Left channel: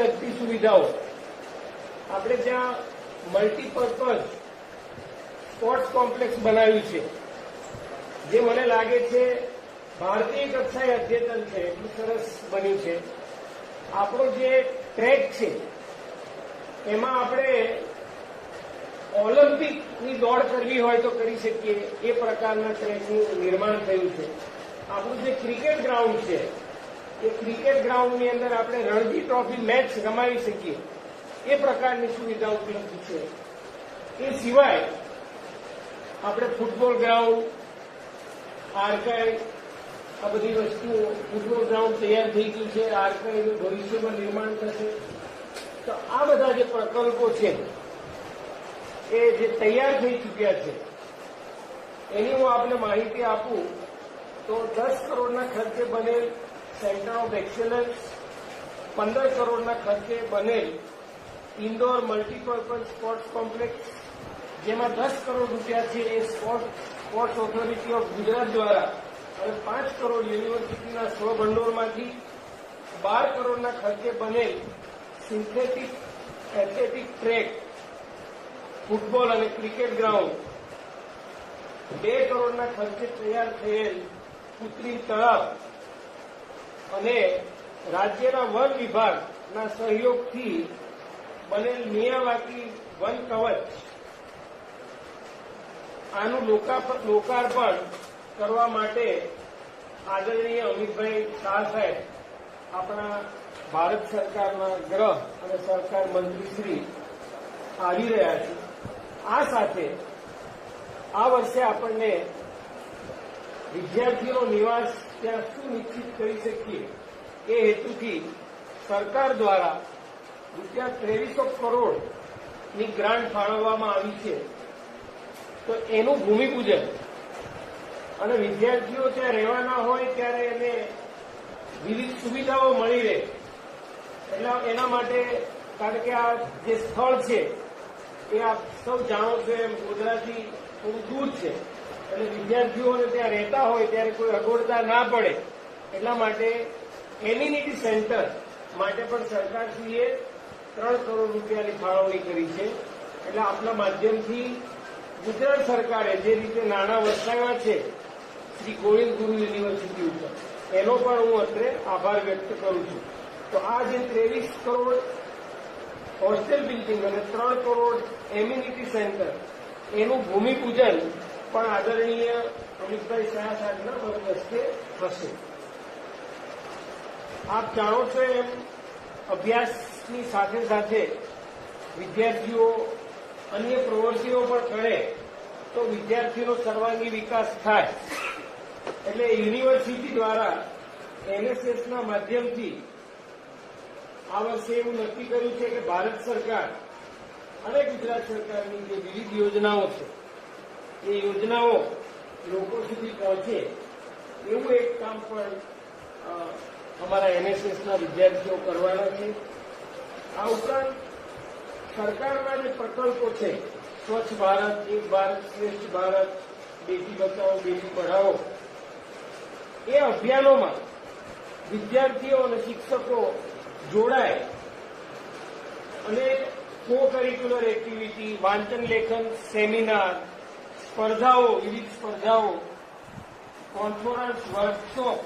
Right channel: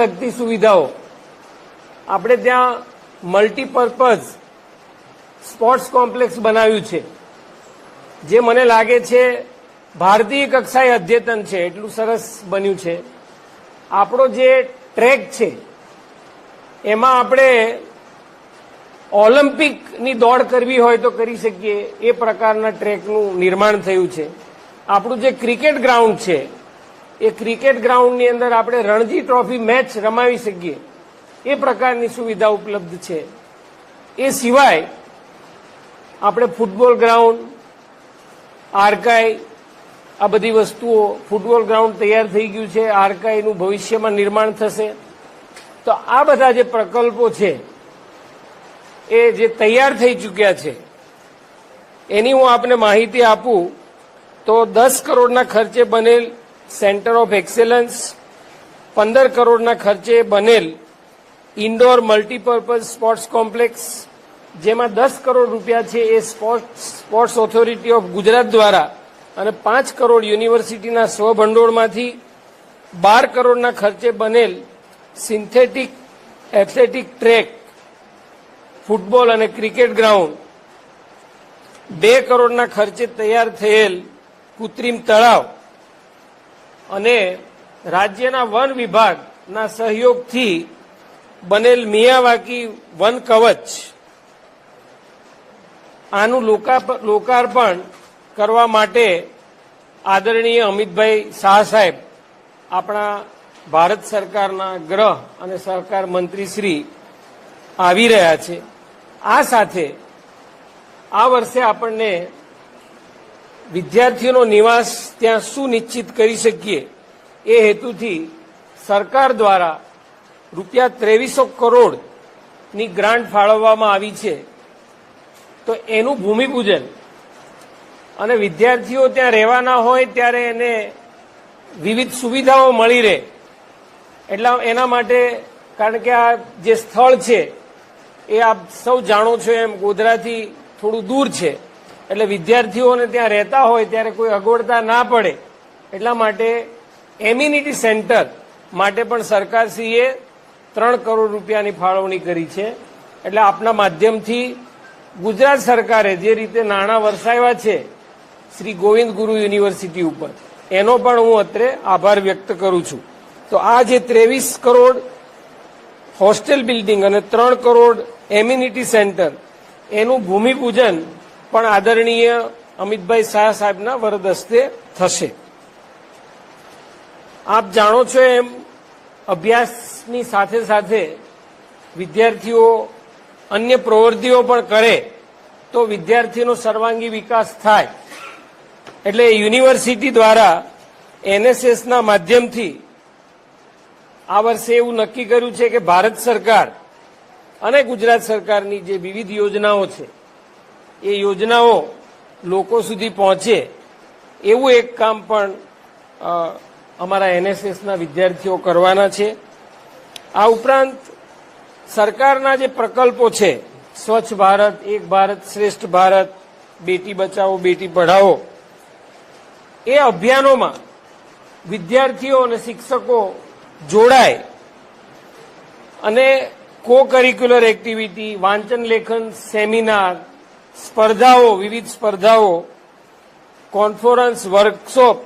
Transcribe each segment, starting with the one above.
લગતી સુવિધાઓ. આપણે ત્યાં મલ્ટીપર્પઝ સ્પોર્ટ્સ કોમ્પ્લેક્સ બનાવ્યું છે. જે મને લાગે છે ભારતીય કક્ષાએ અદ્યતન છે, એટલું સરસ બન્યું છે. આપણો જે ટ્રેક છે, એમાં આપણે ઓલિમ્પિકની દોડ કરવી હોય તો કરી શકીએ. એ પ્રકારના ટ્રેકનું નિર્માણ થયું છે. આપણું જે ક્રિકેટ ગ્રાઉન્ડ છે એ ક્રિકેટ ગ્રાઉન્ડની અંદર આપણે રણજી ટ્રોફી મેચ રમાવી શકીએ. એ પ્રકારની સુવિધા ઉપલબ્ધ છે. એ સિવાય આપણે ફૂટબોલ ગ્રાઉન્ડ, આર્કાઈ, આ બધી વસ્તુઓ ફૂટબોલ ગ્રાઉન્ડ તૈયાર થઈ ગયું છે. આર્કાઈનું ભવિષ્યમાં નિર્માણ થશે. તો આ બધા જે પ્રકલ્પો છે, એ જે તૈયાર થઈ ચૂક્યા છે, એની હું આપને માહિતી આપું, તો દસ કરોડના ખર્ચે બનેલ સેન્ટર ઓફ એક્સેલન્સ પંદર કરોડના ખર્ચે બનેલ ઇન્ડોર મલ્ટીપર્પઝ સ્પોર્ટ્સ કોમ્પ્લેક્સ, જેમાં દસ કરોડ રૂપિયા છે એ sports sports authority of Gujarat દ્વારા અને પાંચ કરોડ યુનિવર્સિટીના સ્વભંડોળમાંથી બાર કરોડના ખર્ચે બનેલ સિન્થેટિક એથ્લેટિક ટ્રેક, ફૂટબોલ અને ક્રિકેટ ગ્રાઉન્ડ. બે કરોડના ખર્ચે તૈયાર થયેલ કૃત્રિમ તળાવ અને રાજ્યના વન વિભાગના સહયોગથી બનેલ મિયાવાકી વન કવચ આનું લોકાર્પણ કરવા માટે આદરણીય અમિતભાઈ શાહ સાહેબ, આપણા ભારત સરકારના ગ્રહ અને સહકાર મંત્રી શ્રી આવી રહ્યા છે. આ સાથે આ વર્ષે આપણને વિદ્યાર્થીઓનો નિવાસ ત્યાં સુનિશ્ચિત કરી શકીએ. એ હેતુથી સરકાર દ્વારા રૂપિયા ત્રેવીસો કરોડની ગ્રાન્ટ ફાળવવામાં આવી છે. તો એનું ભૂમિપૂજન. અને વિદ્યાર્થીઓ ત્યાં રહેવાના હોય ત્યારે એને વિવિધ સુવિધાઓ મળી રહે. એટલા એના માટે કારણ કે આ જે સ્થળ છે, એ આપ સૌ જાણો છો એમ ગોધરાથી થોડું દૂર છે. એટલે વિદ્યાર્થીઓને ત્યાં રહેતા હોય ત્યારે કોઈ અગવડતા ના પડે. એટલા માટે એમ્યુનિટી સેન્ટર માટે પણ સરકારશ્રીએ ત્રણ કરોડ રૂપિયાની ફાળવણી કરી છે. એટલે આપના માધ્યમથી ગુજરાત સરકારે જે રીતે નાણાં વરસાવ્યા છે, શ્રી ગોવિંદ ગુરુ યુનિવર્સિટી ઉપર, એનો પણ હું અત્રે આભાર વ્યક્ત કરું છું. તો આ જે ત્રેવીસ કરોડ હોસ્ટેલ બિલ્ડિંગ અને ત્રણ કરોડ એમ્યુનિટી સેન્ટર, એનું ભૂમિપૂજન પણ આદરણીય અમિતભાઈ શાહ સાહેબના વરદસ્તે થશે. આપ જાણો છો એમ, અભ્યાસની સાથે સાથે વિદ્યાર્થીઓ અન્ય પ્રવૃત્તિઓ પણ કરે તો વિદ્યાર્થીનો સર્વાંગી વિકાસ થાય. એટલે યુનિવર્સિટી દ્વારા એનએસએસના માધ્યમથી આ વર્ષે એવું નક્કી કર્યું છે કે ભારત સરકાર અને ગુજરાત સરકારની જે વિવિધ યોજનાઓ છે એ યોજનાઓ લોકો સુધી પહોંચે, એવું એક કામ પણ અમારા એનએસએસના વિદ્યાર્થીઓ કરવાના છે. આ ઉપરાંત સરકારના જે પ્રકલ્પો છે, સ્વચ્છ ભારત, એક ભારત શ્રેષ્ઠ ભારત, બેટી બચાવો, બેટી પઢાઓ, એ અભિયાનોમાં વિદ્યાર્થીઓ અને શિક્ષકો જોડાય અને કો કરિક્યુલર એક્ટિવિટી વાંચન લેખન સેમિનાર સ્પર્ધાઓ, વિવિધ સ્પર્ધાઓ કોન્ફરન્સ વર્કશોપ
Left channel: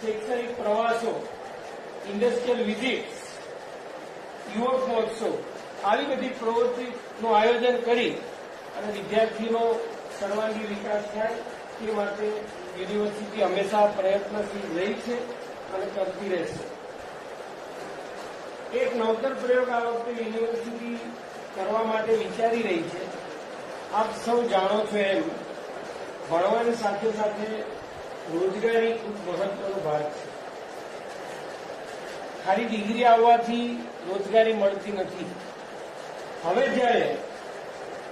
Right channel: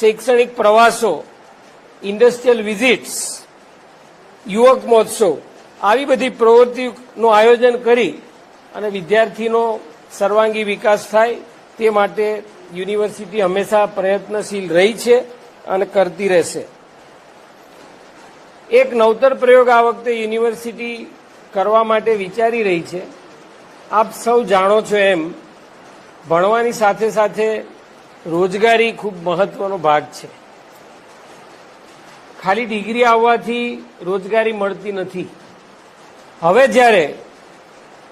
શૈક્ષણિક પ્રવાસો ઇન્ડસ્ટ્રીયલ વિઝિટ્સ યુવક મહોત્સવ, આવી બધી પ્રવૃત્તિનું આયોજન કરી અને વિદ્યાર્થીનો સર્વાંગી વિકાસ થાય તે માટે યુનિવર્સિટી હંમેશા પ્રયત્નશીલ રહી છે અને કરતી રહેશે. એક નવતર પ્રયોગ આ વખતે યુનિવર્સિટી કરવા માટે વિચારી રહી છે. આપ સૌ જાણો છો એમ, ભણવાની સાથે સાથે રોજગારી ખૂબ મહત્વનો ભાગ છે. ખાલી ડિગ્રી આવવાથી રોજગારી મળતી નથી. હવે જ્યારે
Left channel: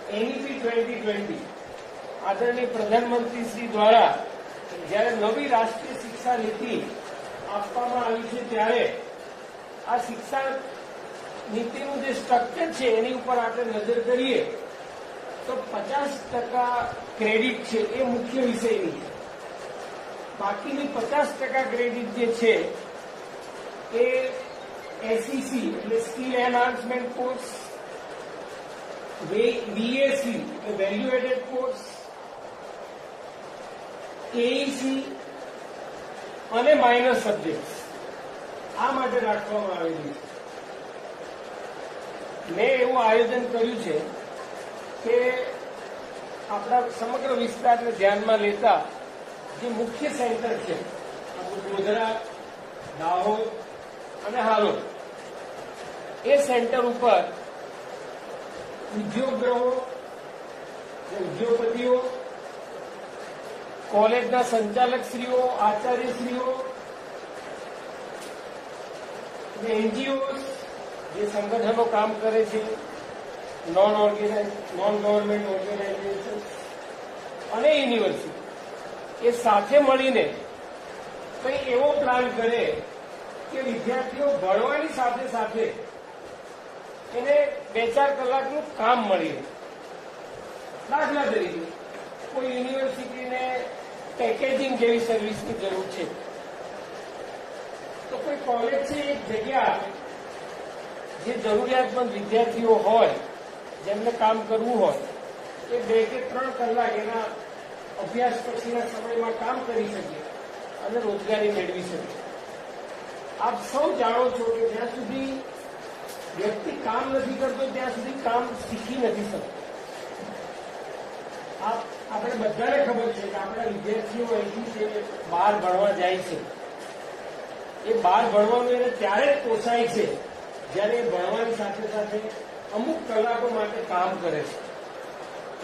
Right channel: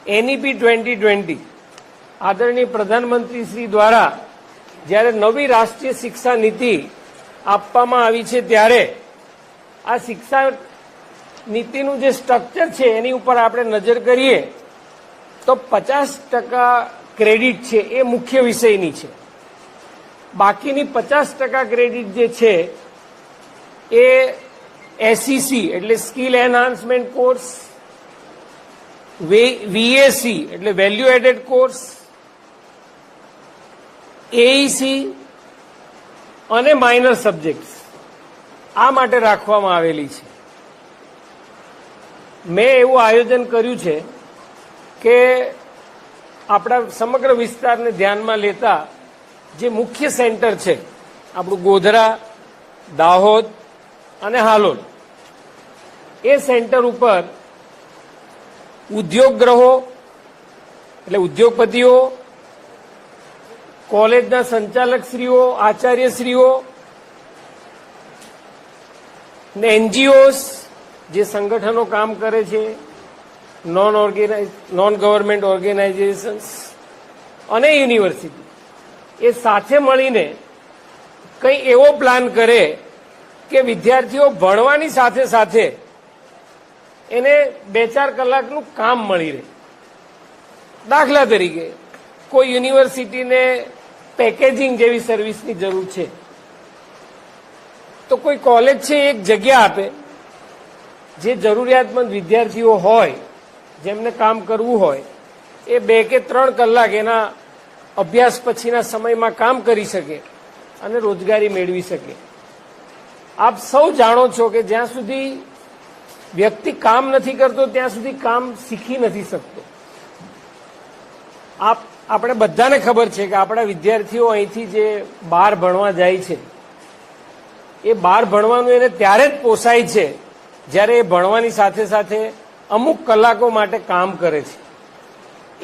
એનઈપી ટ્વેન્ટી ટ્વેન્ટી, આદરણીય પ્રધાનમંત્રી શ્રી દ્વારા જ્યારે નવી રાષ્ટ્રીય શિક્ષા નીતિ આપવામાં આવી છે ત્યારે આ શિક્ષા નીતિનું જે સ્ટ્રક્ચર છે એની ઉપર આપણે નજર કરીએ તો પચાસ ટકા ક્રેડિટ છે એ મુખ્ય વિષયની છે. બાકીની પચાસ ટકા ક્રેડિટ જે છે એ એસસીસી એટલે સ્કિલ એન્હાન્સમેન્ટ કોર્સ વીએસી એટલે વેલ્યુ એડેડ કોર્સ એઈસી અને માઇનર સબ્જેક્ટ આ માટે રાખવામાં આવેલી છે. મેં એવું આયોજન કર્યું છે કે આપણા સમગ્ર વિસ્તારને ધ્યાનમાં લેતા જે મુખ્ય સેન્ટર છે, આપણું ગોધરા, દાહોદ અને હાલોદ, એ સેન્ટર ઉપર ઉદ્યોગ ગ્રહો એટલે ઉદ્યોગપતિઓ, કોલેજના સંચાલકશ્રીઓ, આચાર્યશ્રીઓ ને એનજીઓસ જે સંગઠનો કામ કરે છે non organise non government organisations અને યુનિવર્સિટી એ સાથે મળીને કંઈ એવો પ્લાન કરે કે વિદ્યાર્થીઓ ભણવાની સાથે સાથે એને બે ચાર કલાકનું કામ મળી રહે. દાખલા તરીકે, કોઈ યુનિવર્સિટીને પેકેજિંગ જેવી સર્વિસની જરૂર છે. તો કોઈ કોલેજ છે એક જગ્યા આપે, જે જરૂરિયાતમંદ વિદ્યાર્થીઓ હોય જેમને કામ કરવું હોય, એ બે કે ત્રણ કલાક એના અભ્યાસ પછીના સમયમાં કામ કરી શકે અને રોજગારી મેળવી શકે. આપ સૌ જાણો છો કે જ્યાં સુધી વ્યક્તિ કામ નથી કરતો, ત્યાં સુધી કામ શીખી નથી શકતો. આપ, આપણે બધાને ખબર છે કે આપણા વિદ્યાર્થીઓ અહીંથી જે બહાર ભણવા જાય છે, એ બહાર ભણવાનું એને ત્યારે જ પોસાય છે જ્યારે એ ભણવાની સાથે સાથે અમુક કલાકો માટે કામ કરે છે.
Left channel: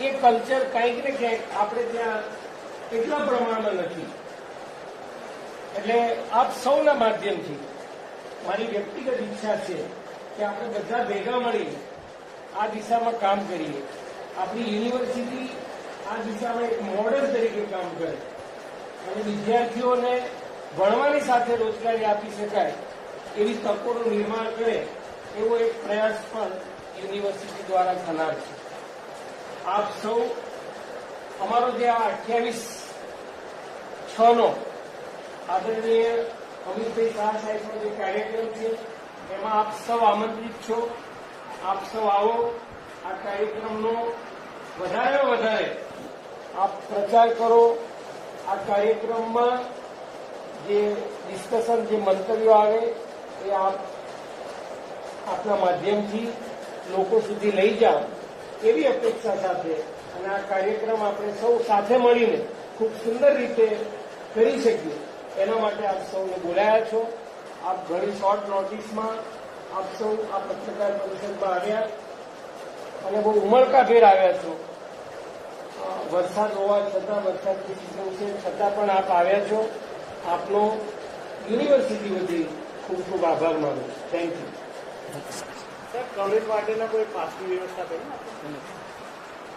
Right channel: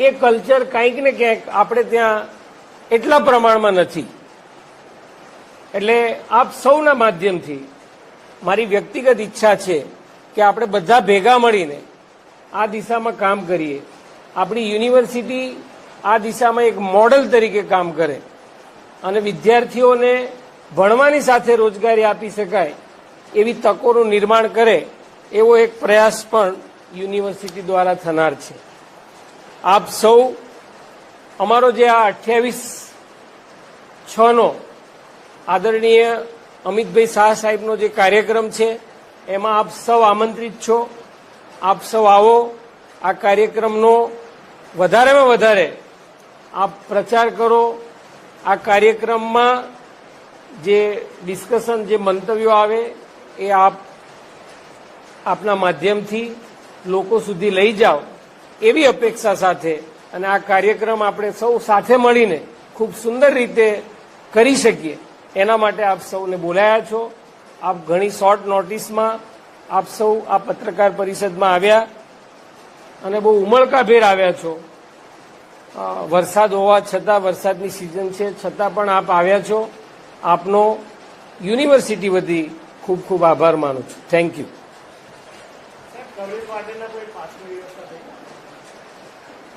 એ કલ્ચર કંઈક ને ક્યાંક આપણે ત્યાં એટલા પ્રમાણમાં નથી. એટલે આપ સૌના માધ્યમથી મારી વ્યક્તિગત ઈચ્છા છે કે આપણે બધા ભેગા મળીને આ દિશામાં કામ કરીએ. આપણી યુનિવર્સિટી આ દિશામાં એક મોડલ તરીકે કામ કરે. અને વિદ્યાર્થીઓને ભણવાની સાથે રોજગારી આપી શકાય એવી તકોનું નિર્માણ કરે એવો એક પ્રયાસ પણ યુનિવર્સિટી દ્વારા થનાર છે. આપ સૌ અમારો જે આ અઠ્યાવીસ છ નો આદરણીય અમિતભાઈ શાહ સાહેબનો જે કાર્યક્રમ છે, એમાં આપ સૌ આમંત્રિત છો. આપ સૌ આવો. આ કાર્યક્રમનો વધારેમાં વધારે આપ પ્રચાર કરો. આ કાર્યક્રમમાં જે ડિસ્કશન, જે મંતવ્યો આવે, એ આપ આપના માધ્યમથી લોકો સુધી લઈ જાઓ, એવી અપેક્ષા સાથે અને આ કાર્યક્રમ આપણે સૌ સાથે મળીને ખૂબ સુંદર રીતે કરી શકીએ. એના માટે આપ સૌને બોલાયા છો. આપ ઘણી શોર્ટ નોટિસમાં આપ સૌ આ પત્રકાર પરિષદમાં આવ્યા અને બહુ ઉમળકાભેર આવ્યા છો. વરસાદ હોવા છતાં વરસાદની સિઝન છે, છતાં પણ આપ આવ્યા છો. આપનો યુનિવર્સિટી વતી ખૂબ ખૂબ આભાર માનું છું. થેન્ક યુ કોલેજ માટેના કોઈ પાસની વ્યવસ્થા થઈ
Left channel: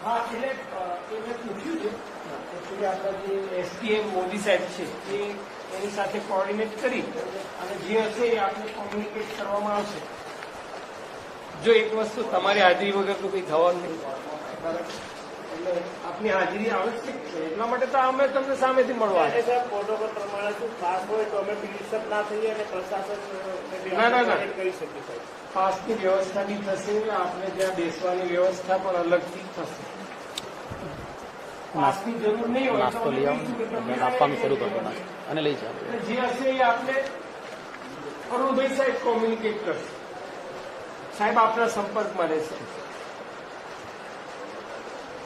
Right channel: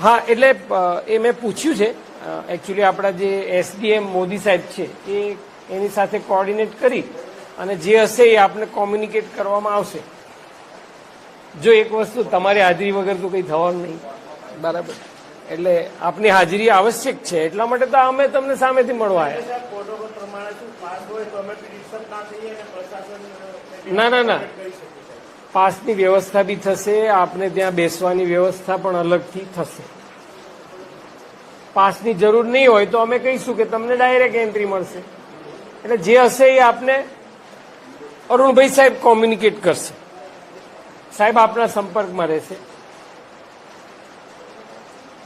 હા એટલે એ મેં પૂછ્યું છે. એકચ્યુઅલી આપણા જે એસડીએમ મોદી સાહેબ છે એ એની સાથે કોર્ડિનેટ કરી અને જે હશે એ આપણે કોમ્યુનિકેટ કરવામાં આવશે. જો એક વસ્તુ તમારી હાજરી વગર તો કંઈ થવાનું નહીં. બરાબર. એટલે આપની હાજરી આવશ્યક છે. એટલા માટે તો અમે તમને સામેથી મળવા આવ્યા. ના ના, ના. પાસની વ્યવસ્થા બી થશે આપને ત્યાં બેસવાની વ્યવસ્થા પણ અલગથી થશે. પાસની જરૂર નહીં હોય તો અમે કહીશું કે તમને ડાયરેક્ટ એન્ટ્રી મળશે. એટલે જે હશે એ આપને અરુણભાઈ સાહેબ કોમ્યુનિકેટ કરશે. સાહેબ આપના સંપર્કમાં રહેશે.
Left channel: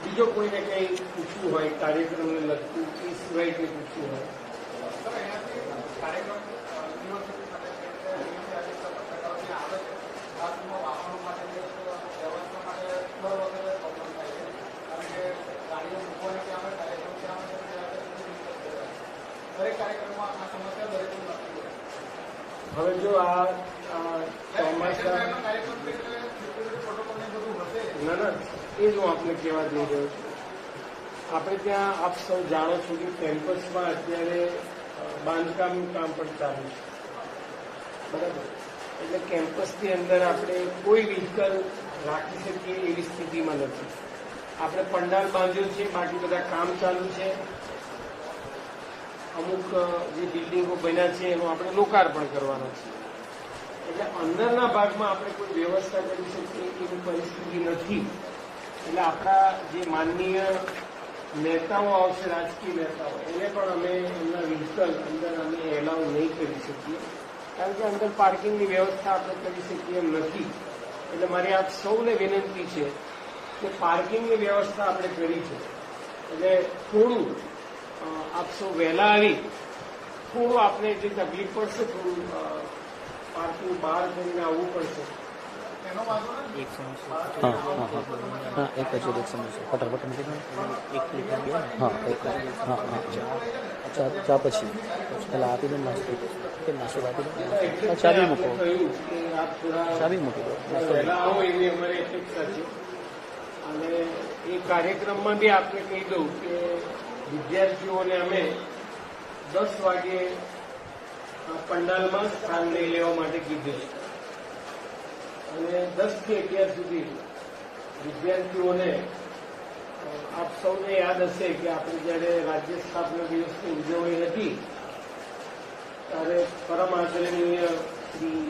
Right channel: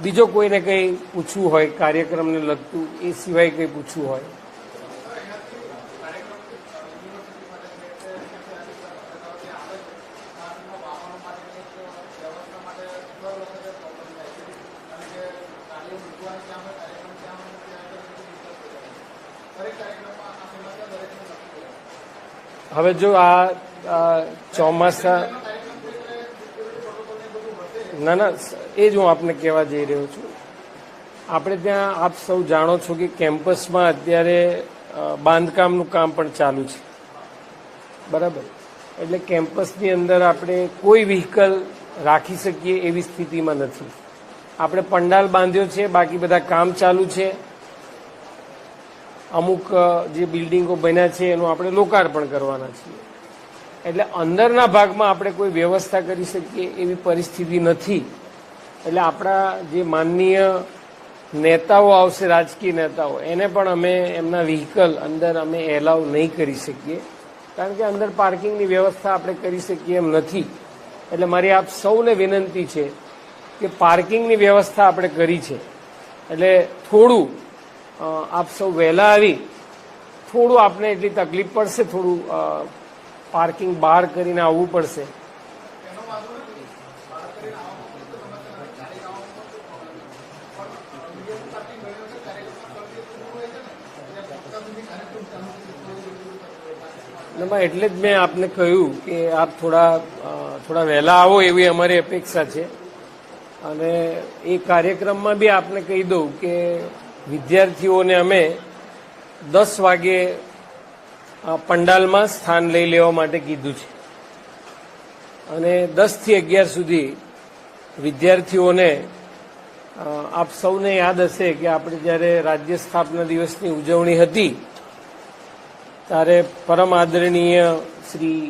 બીજો કોઈને કંઈ પૂછવું હોય કાર્યક્રમને લગતું એ સિવાય કંઈ પૂછવું હોય. હવે જો આ ચોમાસા ના ના, એ જ હું આપને કહેવા જઈ રહ્યો છું. આપણે ત્યાં આપ સૌ જાણો છો કે કેમ્પસમાં અત્યારે બાંધકામનું કામ પણ ચાલુ છે. બરાબર? એટલે કેમ્પસની અંદર આપણે કોઈ વ્હીકલ રાખી શકીએ એવી સ્થિતિમાં નથી. આપણે પંડાલ બાંધ્યો છે, બાકી બધા કામ ચાલુ છે. અમુક જે બિલ્ડિંગો બન્યા છે એનું આપણે લોકાર્પણ કરવાના છીએ. એટલે અંદરના ભાગમાં આપણે કોઈ વ્યવસ્થા કરી શકીએ એવી પરિસ્થિતિ નથી. એટલે આપણા જે માનનીય નેતાઓ આવશે, રાજકીય નેતાઓ, એને પણ અમે એમના વ્હીકલ અંદર અમે એલાવ નહીં કરી શકીએ. કારણ કે અંદર પાર્કિંગની વ્યવસ્થા આપણે કરી શકીએ એમ નથી. એટલે મારી આપ સૌને વિનંતી છે કે પાર્કિંગની વ્યવસ્થા આપણે કરી છે. એટલે થોડું આપ સૌ વહેલા આવી. થોડું આપને એટલી તકલીફ પડશે, થોડું પાર્કિંગ બહાર કરીને આવવું પડશે. એમાં એટલે જ મેં આપને કહ્યું કે આપ થોડા થોડા વહેલા આવો એવી અમારી અપેક્ષા છે. અને એ કાર્યક્રમમાં બી આપને કહી દઉં કે વિદ્યાર્થીઓને અમે દસ વાગે પંડાલમાં સ્થાન લઈ લેવા માટે કીધું છે. અને દસથી અગિયાર સુધી વિદ્યાર્થીઓને આપ સૌને યાદ હશે કે આપણે જ્યારે રાજ્ય સ્થાપના દિવસની ઉજવણી હતી, ત્યારે પરમ આદરણીય શ્રી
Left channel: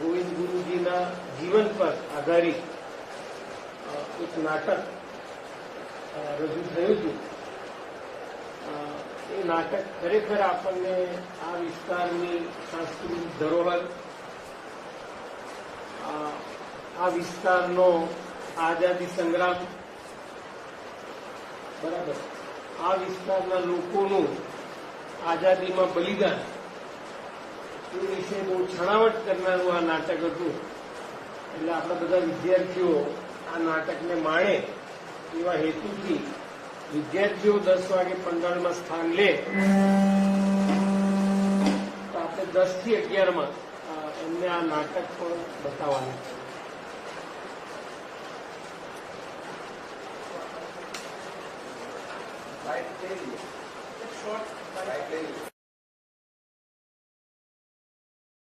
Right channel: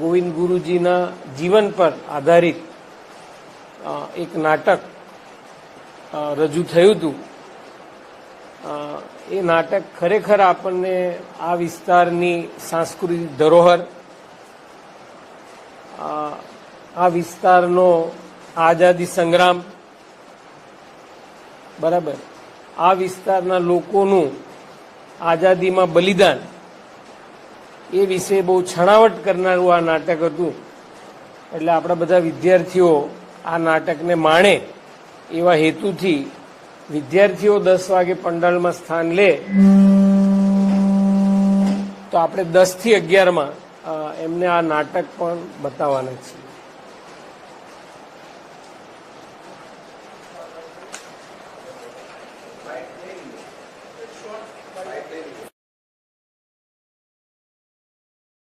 ગોવિંદ ગુરુજીના જીવન પર આધારિત એક નાટક રજૂ થયું હતું. એ નાટક ખરેખર આપણને આ વિસ્તારની સાંસ્કૃતિક ધરોહર આ વિસ્તારનો આઝાદી સંગ્રામ, બરાબર? આ વિસ્તારના લોકોનું આઝાદીમાં બલિદાન, એ વિશે બહુ છણાવટ કરનારું આ નાટક હતું. એટલે આપણા બધા વિદ્યાર્થીઓ આ નાટકને માણે એવા હેતુથી વિદ્યાર્થીઓ દસ વાગે પંડાલમાં સ્થાન લે, તો આપણે દસથી અગિયારમાં એમને આ નાટક પણ બતાવવાના છીએ